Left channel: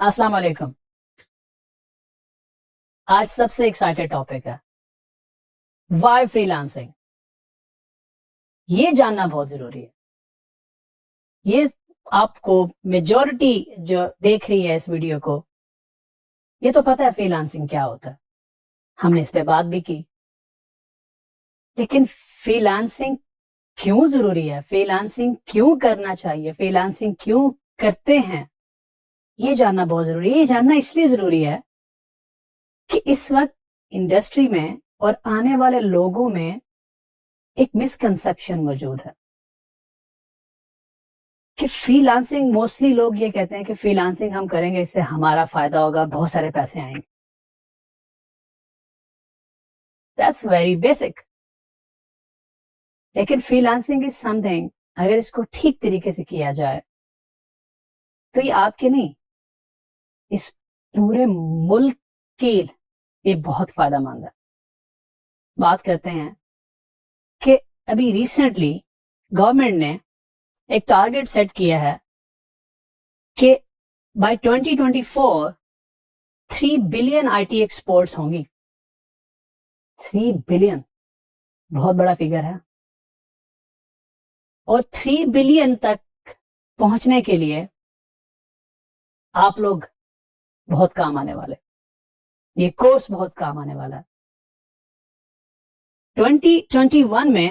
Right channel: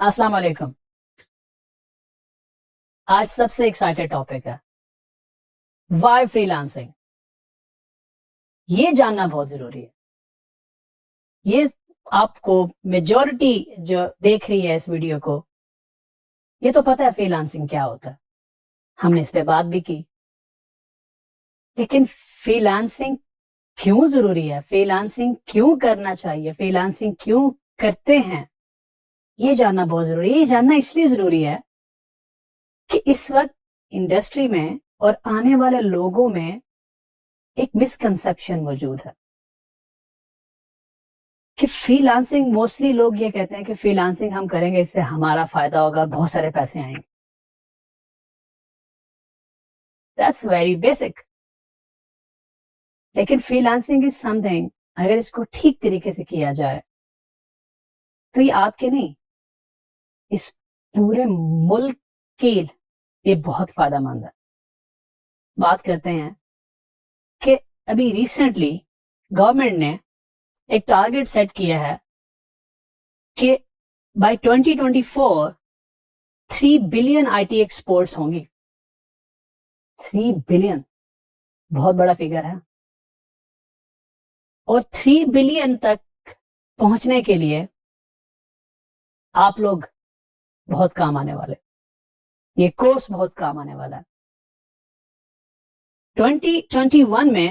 السلام علیکم. آج سب سے ایکسائٹیڈ ٹاپک ہے وائی فری لانسنگ. یہ جاننا بہت ضروری ہے. یہ آپ کو میجورٹی جو دیکھ رہی ہے اس ویڈیو کو یہ تو پتہ ہے فری لانسنگ کیا ہوتا ہے, ہم نے اس پہ بات بھی کی. لیکن فری لانسنگ کیوں ضروری ہے, فری لانسنگ کیوں کرنا چاہیے, فری لانسنگ کیوں کرتے ہیں, یہ جاننا بہت ضروری ہے. یہ جاننا اس لیے ضروری ہے کہ اس وقت انڈسٹری میں اور آنے والے لوگوں میں ایک مسکنسپشن موجود ہے کہ فری لانسنگ, موسٹلی لوگ یہ کہتے ہیں کہ فری لانسنگ ہم کریں گے اس سے ہمارا فائدہ ہوگا, بہت سارے پیسے آئیں گے. That's very basic. لیکن فری لانسنگ از سم تھنگ, اگر اس کو ٹھیک طریقے سے کیا جائے تو یہ آپ کے نہیں, اس پورے ملک کی یہ بہت فائدہ مند ہے. بات کرتے ہیں کہ ابھی ریسنٹلی گورنمنٹ نے ایک ٹارگٹ سیٹ کیا ہے کہ by 2024 3 billion I T exports ہوں گی. 3 بلین بہت بڑا فگر ہے, اور 3 بلین تک پہنچنے کے لیے آپ لوگ بہت کام آنے والے, یہ کورس بہت کام آنے والا ہے. 2021 میں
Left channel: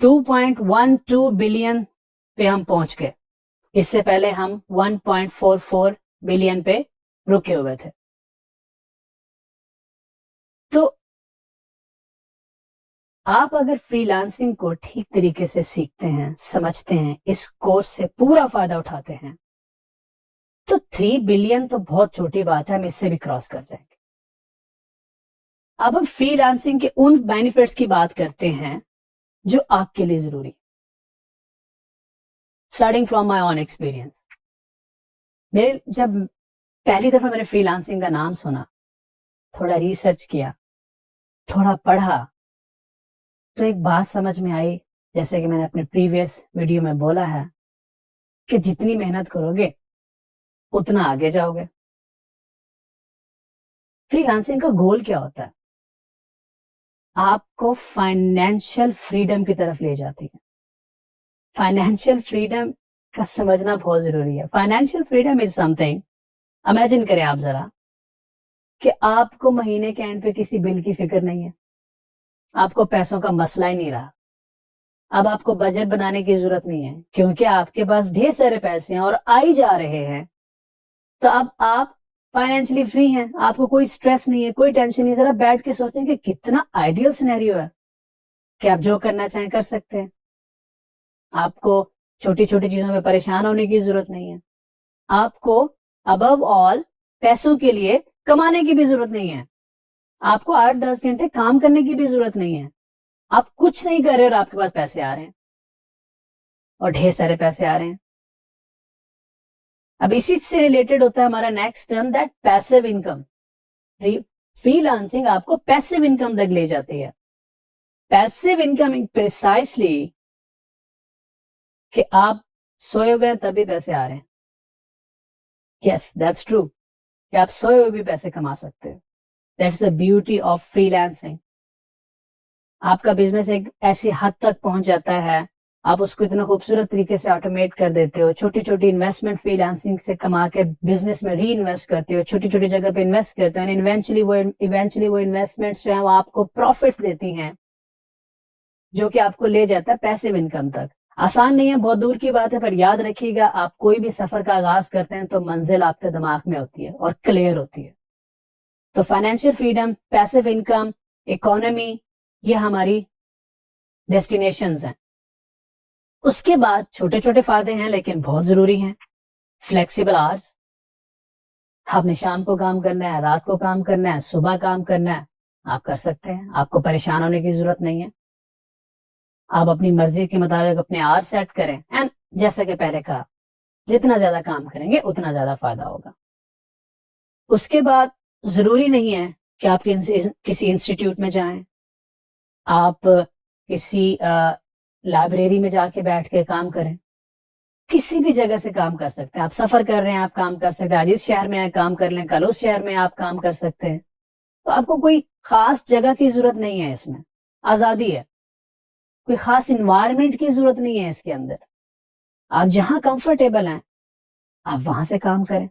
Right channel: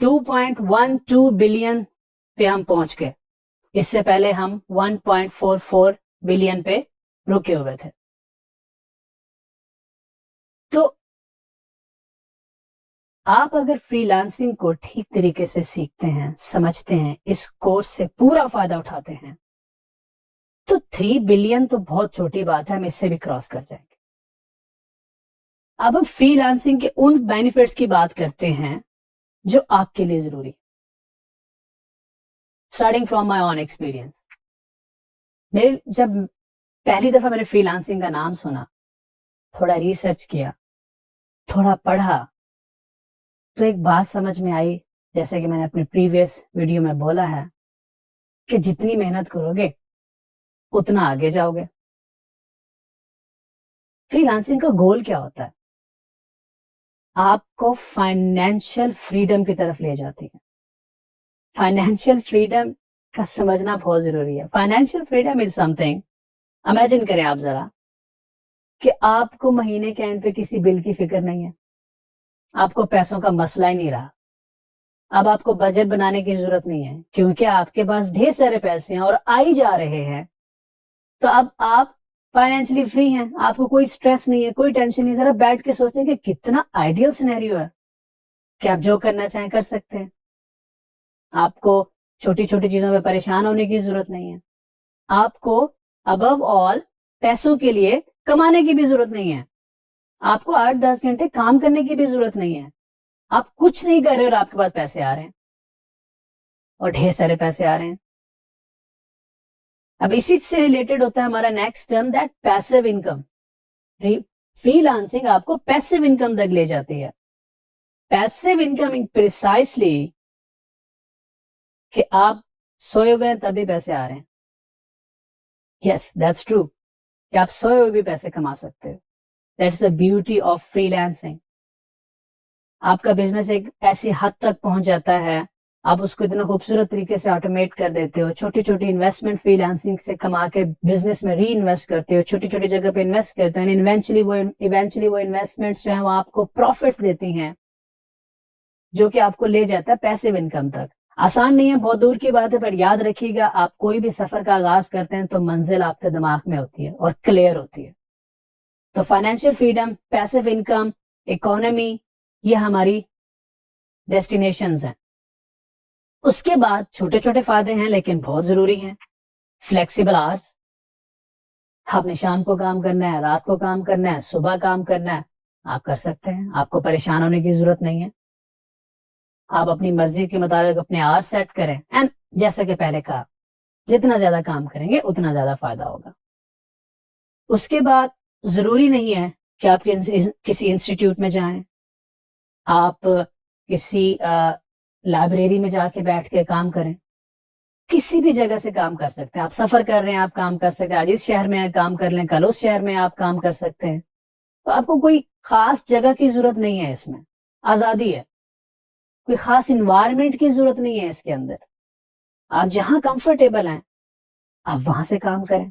2.12 بلین پہ ہم پہنچ گئے. اس سے پہلے ہم 1.44 بلین پہ رکے ہوئے تھے. تو آپ اگر فری لانسنگ کو ٹھیک طریقے سے سیکھتے ہیں, سمجھتے ہیں, اس کورس سے پورا فائدہ اٹھاتے ہیں, تو 3 بلین تو بہت چھوٹی بات ہے, ہم اس سے بھی کراس کر جائیں گے. اب ہم فری لانسنگ کے ان بینیفٹس کی بات کرتے ہیں جو آپ کے لیے ضروری. Starting from my own experience, جب پہلی دفعہ میں نے فری لانسنگ کا نام سنا, تھوڑا ریسرچ کیا, تھوڑا پڑھا, تو ایک بات سمجھ میں آئی, جیسے کہ میں نے اپنے پریویس ویڈیو میں بولا ہے کہ جتنی محنت کرو گے اتنا آگے جاؤ گے. فری لانسنگ کا گول کیا ہوتا ہے؟ آپ کو فائنینشیل فریڈم کی طرف لے جاتی ہے. فائنینشیل فریڈم کا سمجھنا بہت ضروری ہے. Financial freedom is some thing, imagine کریں آپ ذرا کہ آپ کو مہینے کے اینڈ پہ کسی بل کی فکر نہیں ہے, آپ کو پیسوں کا مسئلہ ہی نہیں رہا. اب آپ کو بجٹ بنانے کی ضرورت نہیں ہے کیونکہ آپ کے پاس ڈھیر سارے پیسے ہیں اور آئی جا رہے ہیں. تو اب آپ فائنینشلی فری ہیں, آپ کو کوئی سٹریس نہیں ہے, کوئی ٹینشن نہیں. ذرا بیٹھ کے سوچیں کہ کتنا آئیڈیل سینیریو ہے کہ آپ جو کرنا چاہیں کر سکتے ہیں. آپ کو چھوٹی چھوٹی چیزوں میں پریشان ہونے کی ضرورت نہیں ہے. آپ کو ابو آل پیسوں کے لیے کمانے کی بھی ضرورت نہیں ہے. آپ کو 8-10 گھنٹے کام کرنے کی بھی ضرورت نہیں ہے. آپ کچھ نہیں کر رہے اور آپ کے پاس پیسے آ رہے ہیں, اور ڈھیر سارے پیسے آ رہے ہیں. اب اسی سے ریلیٹڈ ہوتا ہے ہمارا next term, that passive income. Free lancing آپ کو پیسو انکم تک لے جاتی ہے. پیسو انکم پریسائسلی کہ آپ سوئے ہوئے تبھی پیسے آ رہے ہیں. یس دیٹس ٹرو کہ آپ سوئے ہوئے بھی پیسے کما سکتے ہو. That's the beauty of freelancing. آپ کا بزنس ایک ایسی حد تک پہنچ جاتا ہے, آپ اس کو اتنا خوبصورت طریقے سے آٹومیٹ کر دیتے ہو, چھوٹی چھوٹی انویسٹمنٹ فری لانسنگ سے کما کے بزنس میں ری انویسٹ کرتے ہو, چھوٹی چھوٹی جگہ پہ انویسٹ کرتے ہیں, ایونچولی وہ انویسٹمنٹس جو ہیں وہ آپ کو پروفٹس دیتی ہیں, جو کہ آپ کو لے جاتا ہے پیسو انکم تک. آسان نہیں ہے, بہت دور کی بات ہے, پر یاد رکھیے گا آپ کوئی بھی سفر کا آغاز کرتے ہیں تو منزل آپ کے دماغ میں ہوتی ہے اور کلیئر ہوتی ہے. تو financial freedom, passive income, economy, یہ ہماری ڈیسٹینیشنز ہیں. اس کے بعد چھوٹے چھوٹے فائدے ہیں لیکن بہت ضروری ہیں. فلیکسیبل آورس, آپ نے شام کو کام کرنا ہے, رات کو کام کرنا ہے, صبح کام کرنا ہے, آپ کر سکتے ہیں. آپ کو پریشان ہونے کی ضرورت نہیں ہے. آپ اپنی مرضی کے مطابق اپنے آور سیٹ کریں, اینڈ جیسے کہ پہلے کہا, جتنا زیادہ کام کریں گے اتنا زیادہ فائدہ ہوگا. اس کے بعد ضروری نہیں ہے کہ آپ کسی انسٹیٹیوٹ میں جائیں, آپ کسی لائبریری میں جا کے بیٹھ کے کام کریں. کسی بھی جگہ سے کام کر سکتے ہیں. آپ سفر کر رہے ہیں آپ کام کر سکتے ہیں, آج اس شہر میں کام کر لیں, کل اس شہر میں آپ کام کر سکتے ہیں. تو آپ کو کوئی خاص جگہ کی ضرورت نہیں ہے, اس میں آزادی ہے. کوئی خاص انوائرمنٹ کی ضرورت نہیں ہے اس کے اندر. آپ جہاں کمفرٹیبل ہیں آپ وہاں سے کام کریں.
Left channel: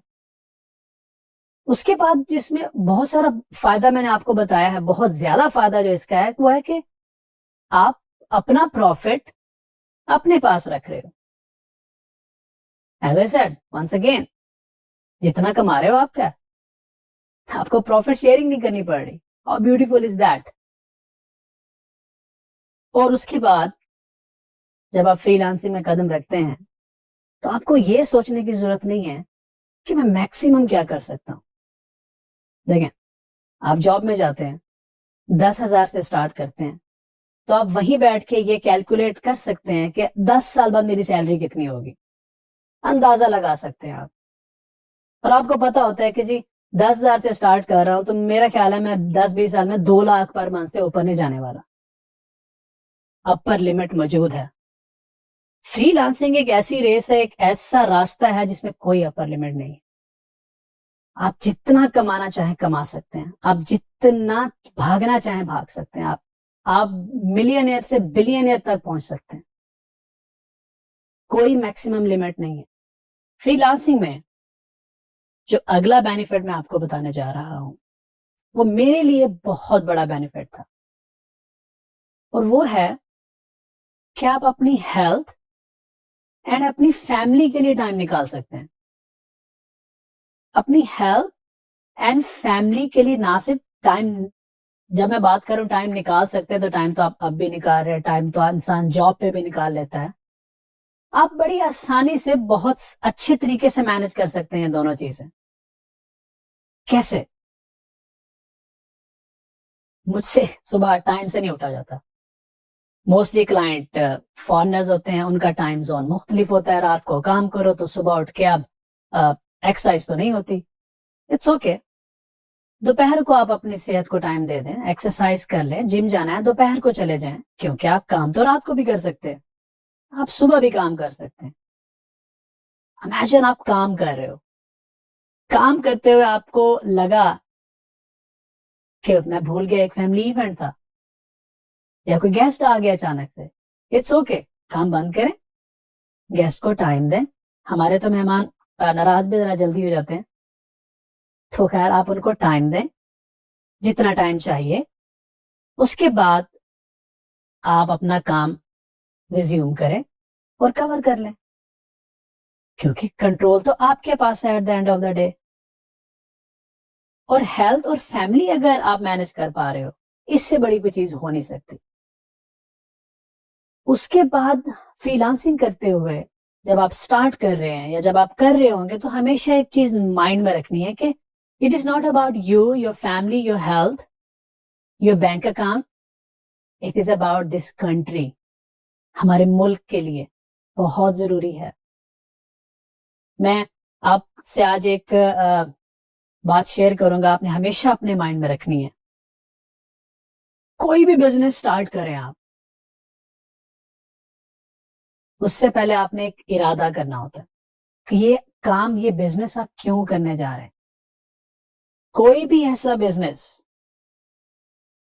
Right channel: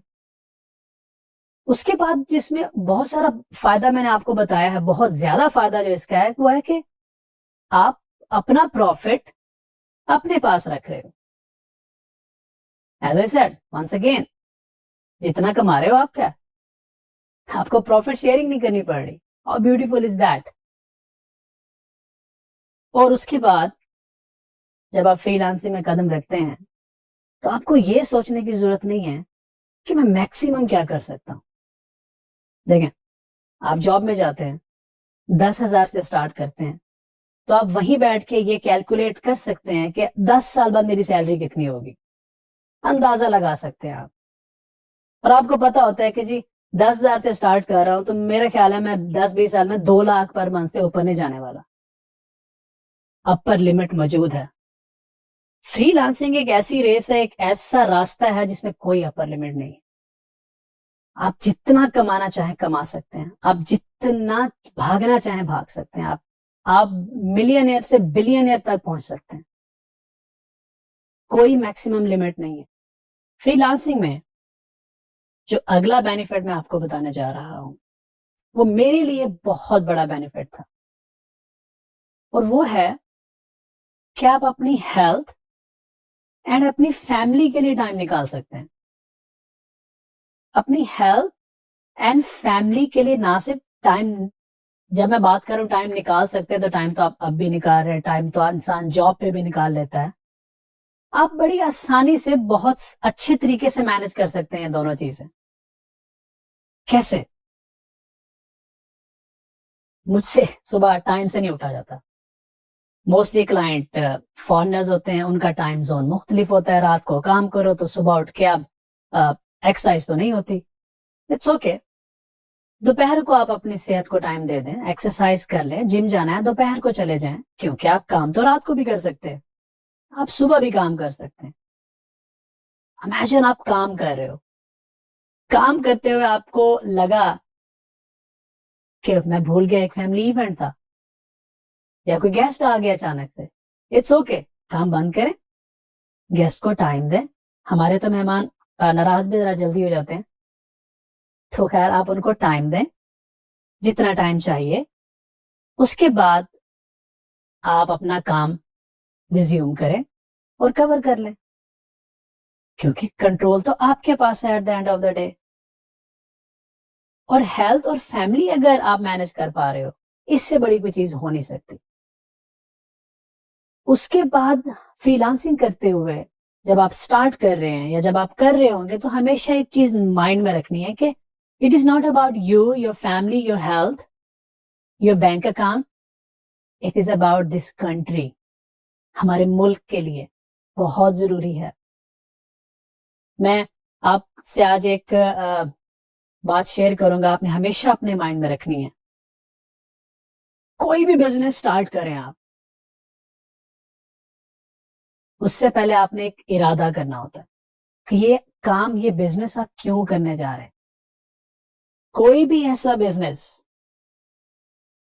اس کے بعد جس میں بہت سارا فائدہ میں نے آپ کو بتایا ہے, بہت زیادہ فائدہ جو اس کا ہے وہ ہے کہ آپ اپنا پروفٹ اپنے پاس رکھ رہے ہو. As I said once again, جتنا کما رہے ہو آپ کا, آپ کو پروفٹ شیئرنگ نہیں کرنی پڑ رہی. How beautiful is that. اور اس کے بعد جب آپ فری لانسنگ میں قدم رکھتے ہیں تو آپ کو یہ سوچنے کی ضرورت نہیں ہے کہ میں میکسیمم کیا کر سکتا ہوں. دیکھیں, آپ جاب میں جاتے ہیں 10,000 سے سٹارٹ کرتے ہیں, تو آپ وہیں بیٹھ کے یہ کیلکولیٹ کر سکتے ہیں کہ 10 سال بعد میری سیلری کتنی ہوگی. اندازہ لگا سکتے ہیں آپ. اور آپ کو پتا ہوتا ہے کہ جی 10,000 سے سٹارٹ کر رہا ہوں تو میرا خیال ہے میں 10-20 سال میں 2 لاکھ پر منتھ سے اوپر نہیں جانے والا. اپر لمٹ موجود ہے. فری لانسنگ ایک ایسی ریس ہے, ایک ایسا راستہ ہے جس میں کوئی اپر لمٹ نہیں. آپ جتنا کمانا چاہیں کما سکتے ہیں, آپ جتنا بھاگنا چاہیں بھاگ سکتے ہیں. آپ ملینئر سے بلینئر تک پہنچ سکتے ہیں. کوئی میکسیمم لمٹ نہیں ہے. فری لانسنگ میں جو اگلا بینیفٹ میں آپ کو بتانے جا رہا ہوں وہ میرے لیے بہت بڑا بینیفٹ تھا, اور وہ ہے کہ آپ اپنی ہیلتھ اینڈ اپنی فیملی کے لیے ٹائم نکال سکتے ہیں. اپنی ہیلتھ اینڈ فیملی کے لیے نہ صرف ٹائم, جب میں بات کروں ٹائم نکال سکتے ہیں تو ٹائم تو آپ اب بھی نکال رہے ہیں, ٹائم تو انسان جاب پہ بھی نکال لیتا ہے. آپ بڑی آسانی سے بہت اچھے طریقے سے مینج کر سکتے ہیں دونوں چیزیں. کیسے؟ مجھ سے صبح ٹائم سے نہیں اٹھا جاتا. موسٹلی کلائنٹ فارنرز ہوتے ہیں, ان کا ٹائم زون مختلف ہوتا ہے. رات کو کام کرو تو صبح اٹھ کے اب ایکسرسائز تو نہیں ہوتی. اٹس اوکے, دوپہر کو آپ اپنی صحت کو ٹائم دے دیں, ایکسرسائز کر لیں. جم جانا ہے دوپہر کو چلے جائیں, کیونکہ آپ کام تو رات کو بھی کر سکتے ہیں, آپ صبح بھی کام کر سکتے ہیں. امیجن آپ کام کر رہے ہو, کام کرتے ہوئے آپ کو لگا کہ میں بھول گیا ایک فیملی ایونٹ تھا, یا کوئی گیسٹ آ گیا اچانک سے. اٹس اوکے, کام بند کریں, گیسٹ کو ٹائم دیں. ہمارے تو مہمان ناراض بھی ذرا جلدی ہو جاتے ہیں, تو خیر آپ ان کو ٹائم دیں جتنا ٹائم چاہیے. اس کے بعد آپ اپنا کام ریزیوم کریں اور کور کر لیں, کیونکہ کنٹرول تو آپ کے پاس ہے at the end of the day. اور ہیلتھ اور فیملی اگر آپ مینج کر پا رہے ہو, اس سے بڑی کوئی چیز ہو نہیں سکتی. اس کے بعد فری لانسنگ کرتے ہوئے جب آپ سٹارٹ کر رہے ہیں یا جب آپ کر رہے ہوں گے تو ہمیشہ ایک چیز مائنڈ میں رکھنی ہے کہ it is not about you, your family, your health, your bank account, it is about this country. ہمارے ملک کے لیے بہت ضروری ہے. میں آپ سے آج ایک بات شیئر کروں گا, آپ نے ہمیشہ اپنے مائنڈ میں رکھنی ہے. کوئی بھی بزنس سٹارٹ کریں آپ, اس سے پہلے آپ نے ایک ارادہ کرنا ہوتا ہے کہ یہ کام, یہ بزنس آپ کیوں کرنے جا رہے ہیں. کوئی بھی ایسا بزنس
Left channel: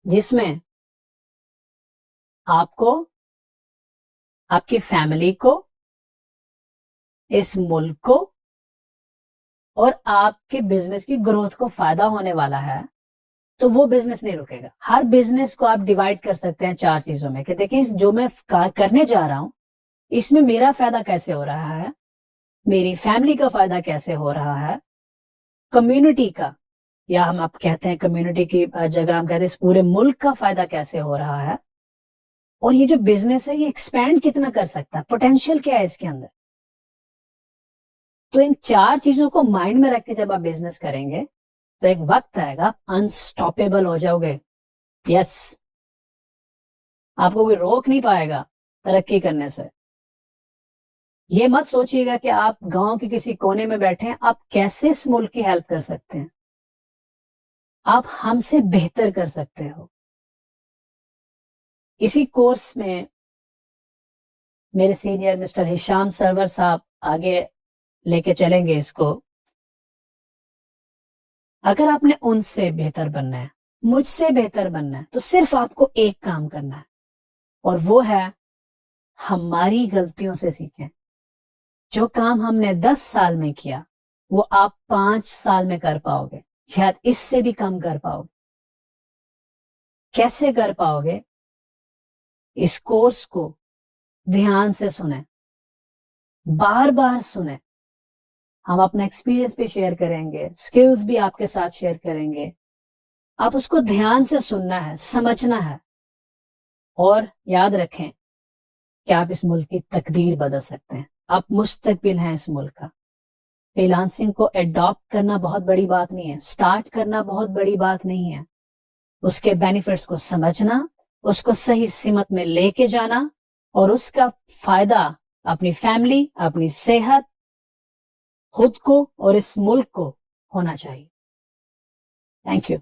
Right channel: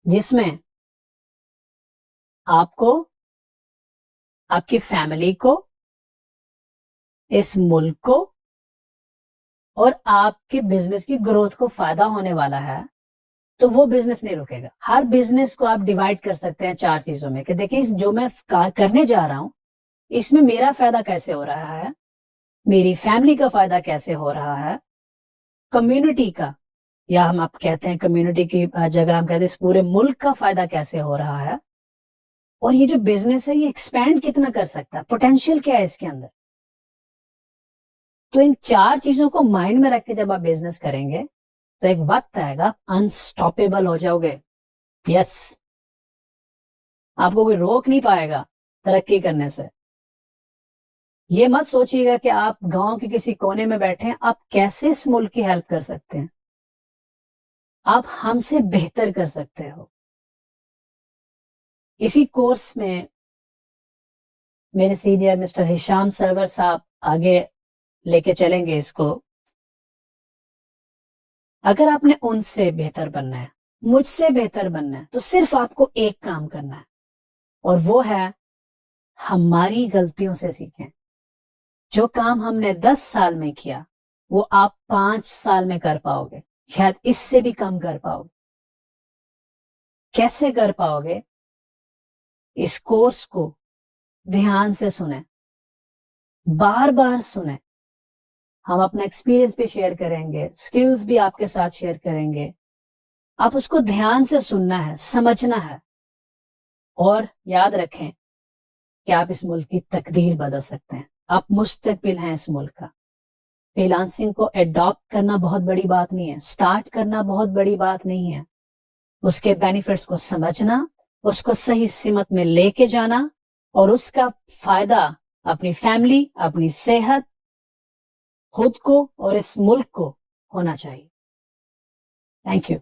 جس میں آپ کو, آپ کی فیملی کو, اس ملک کو اور آپ کے بزنس کی گروتھ کو فائدہ ہونے والا ہے, تو وہ بزنس نہیں رکے گا. ہر بزنس کو آپ ڈیوائڈ کر سکتے ہیں 4 چیزوں میں کہ دیکھیں جو میں کرنے جا رہا ہوں اس میں میرا فائدہ کیسے ہو رہا ہے, میری فیملی کا فائدہ کیسے ہو رہا ہے, کمیونٹی کا, یا ہم آپ کہتے ہیں کمیونٹی کی جگہ ہم کہتے ہیں اس پورے ملک کا فائدہ کیسے ہو رہا ہے, اور یہ جو بزنس ہے یہ ایکسپینڈ کتنا کر سکتا ہے, پوٹینشیل کیا ہے اس کے اندر. تو ان 4 چیزوں کو مائنڈ میں رکھ کے جب آپ بزنس کریں گے تو ایک وقت آئے گا انسٹاپیبل ہو جاؤ گے. یس, آپ کو کوئی روک نہیں پائے گا ترقی کرنے سے. یہ مت سوچیے گا کہ آپ گاؤں کے کسی کونے میں بیٹھے ہیں, آپ کیسے اس ملک کی ہیلپ کر سکتے ہیں. آپ ہم سے بہتر کر سکتے ہو. اسی کورس میں میرے سینئر مسٹر ہشام سرور صاحب آگے لے کے چلیں گے اس کو. اگر آپ نے ان سے بہتر بننا ہے, مجھ سے بہتر بننا ہے, تو صرف آپ کو ایک کام کرنا ہے, اور وہ ہے ہماری غلطیوں سے سیکھیں. جو کام ہم نے 10 سال میں کیا وہ آپ 5 سال میں کر پاؤ گے, شاید اس سے بھی کم کر پاؤ گے. کیسے کر پاؤ گے؟ اس کورس کو دھیان سے سنیں, بار بار سنیں. ہم اپنا ایکسپیرینس بھی شیئر کریں گے, سکلز بھی آپ کے ساتھ شیئر کریں گے. آپ اس کو دھیان سے سننا ہے, سمجھنا ہے, اور یاد رکھیں کہ آپ اس ملک کی تقدیر بدل سکتے ہیں. آپ مستقبل ہیں اس ملک کا. فری لانسنگ کو ایڈاپٹ کرنا بہت بڑی بات نہیں ہے, سٹارٹ کرنا بہت بڑی بات نہیں ہے. اس کے بینیفٹس کو سمجھنا, اس کو صحیح سمت میں لے کے جانا, اور اس کا فائدہ اپنی فیملی, اپنی صحت, خود کو اور اس ملک کو ہونا چاہیے. Thank you.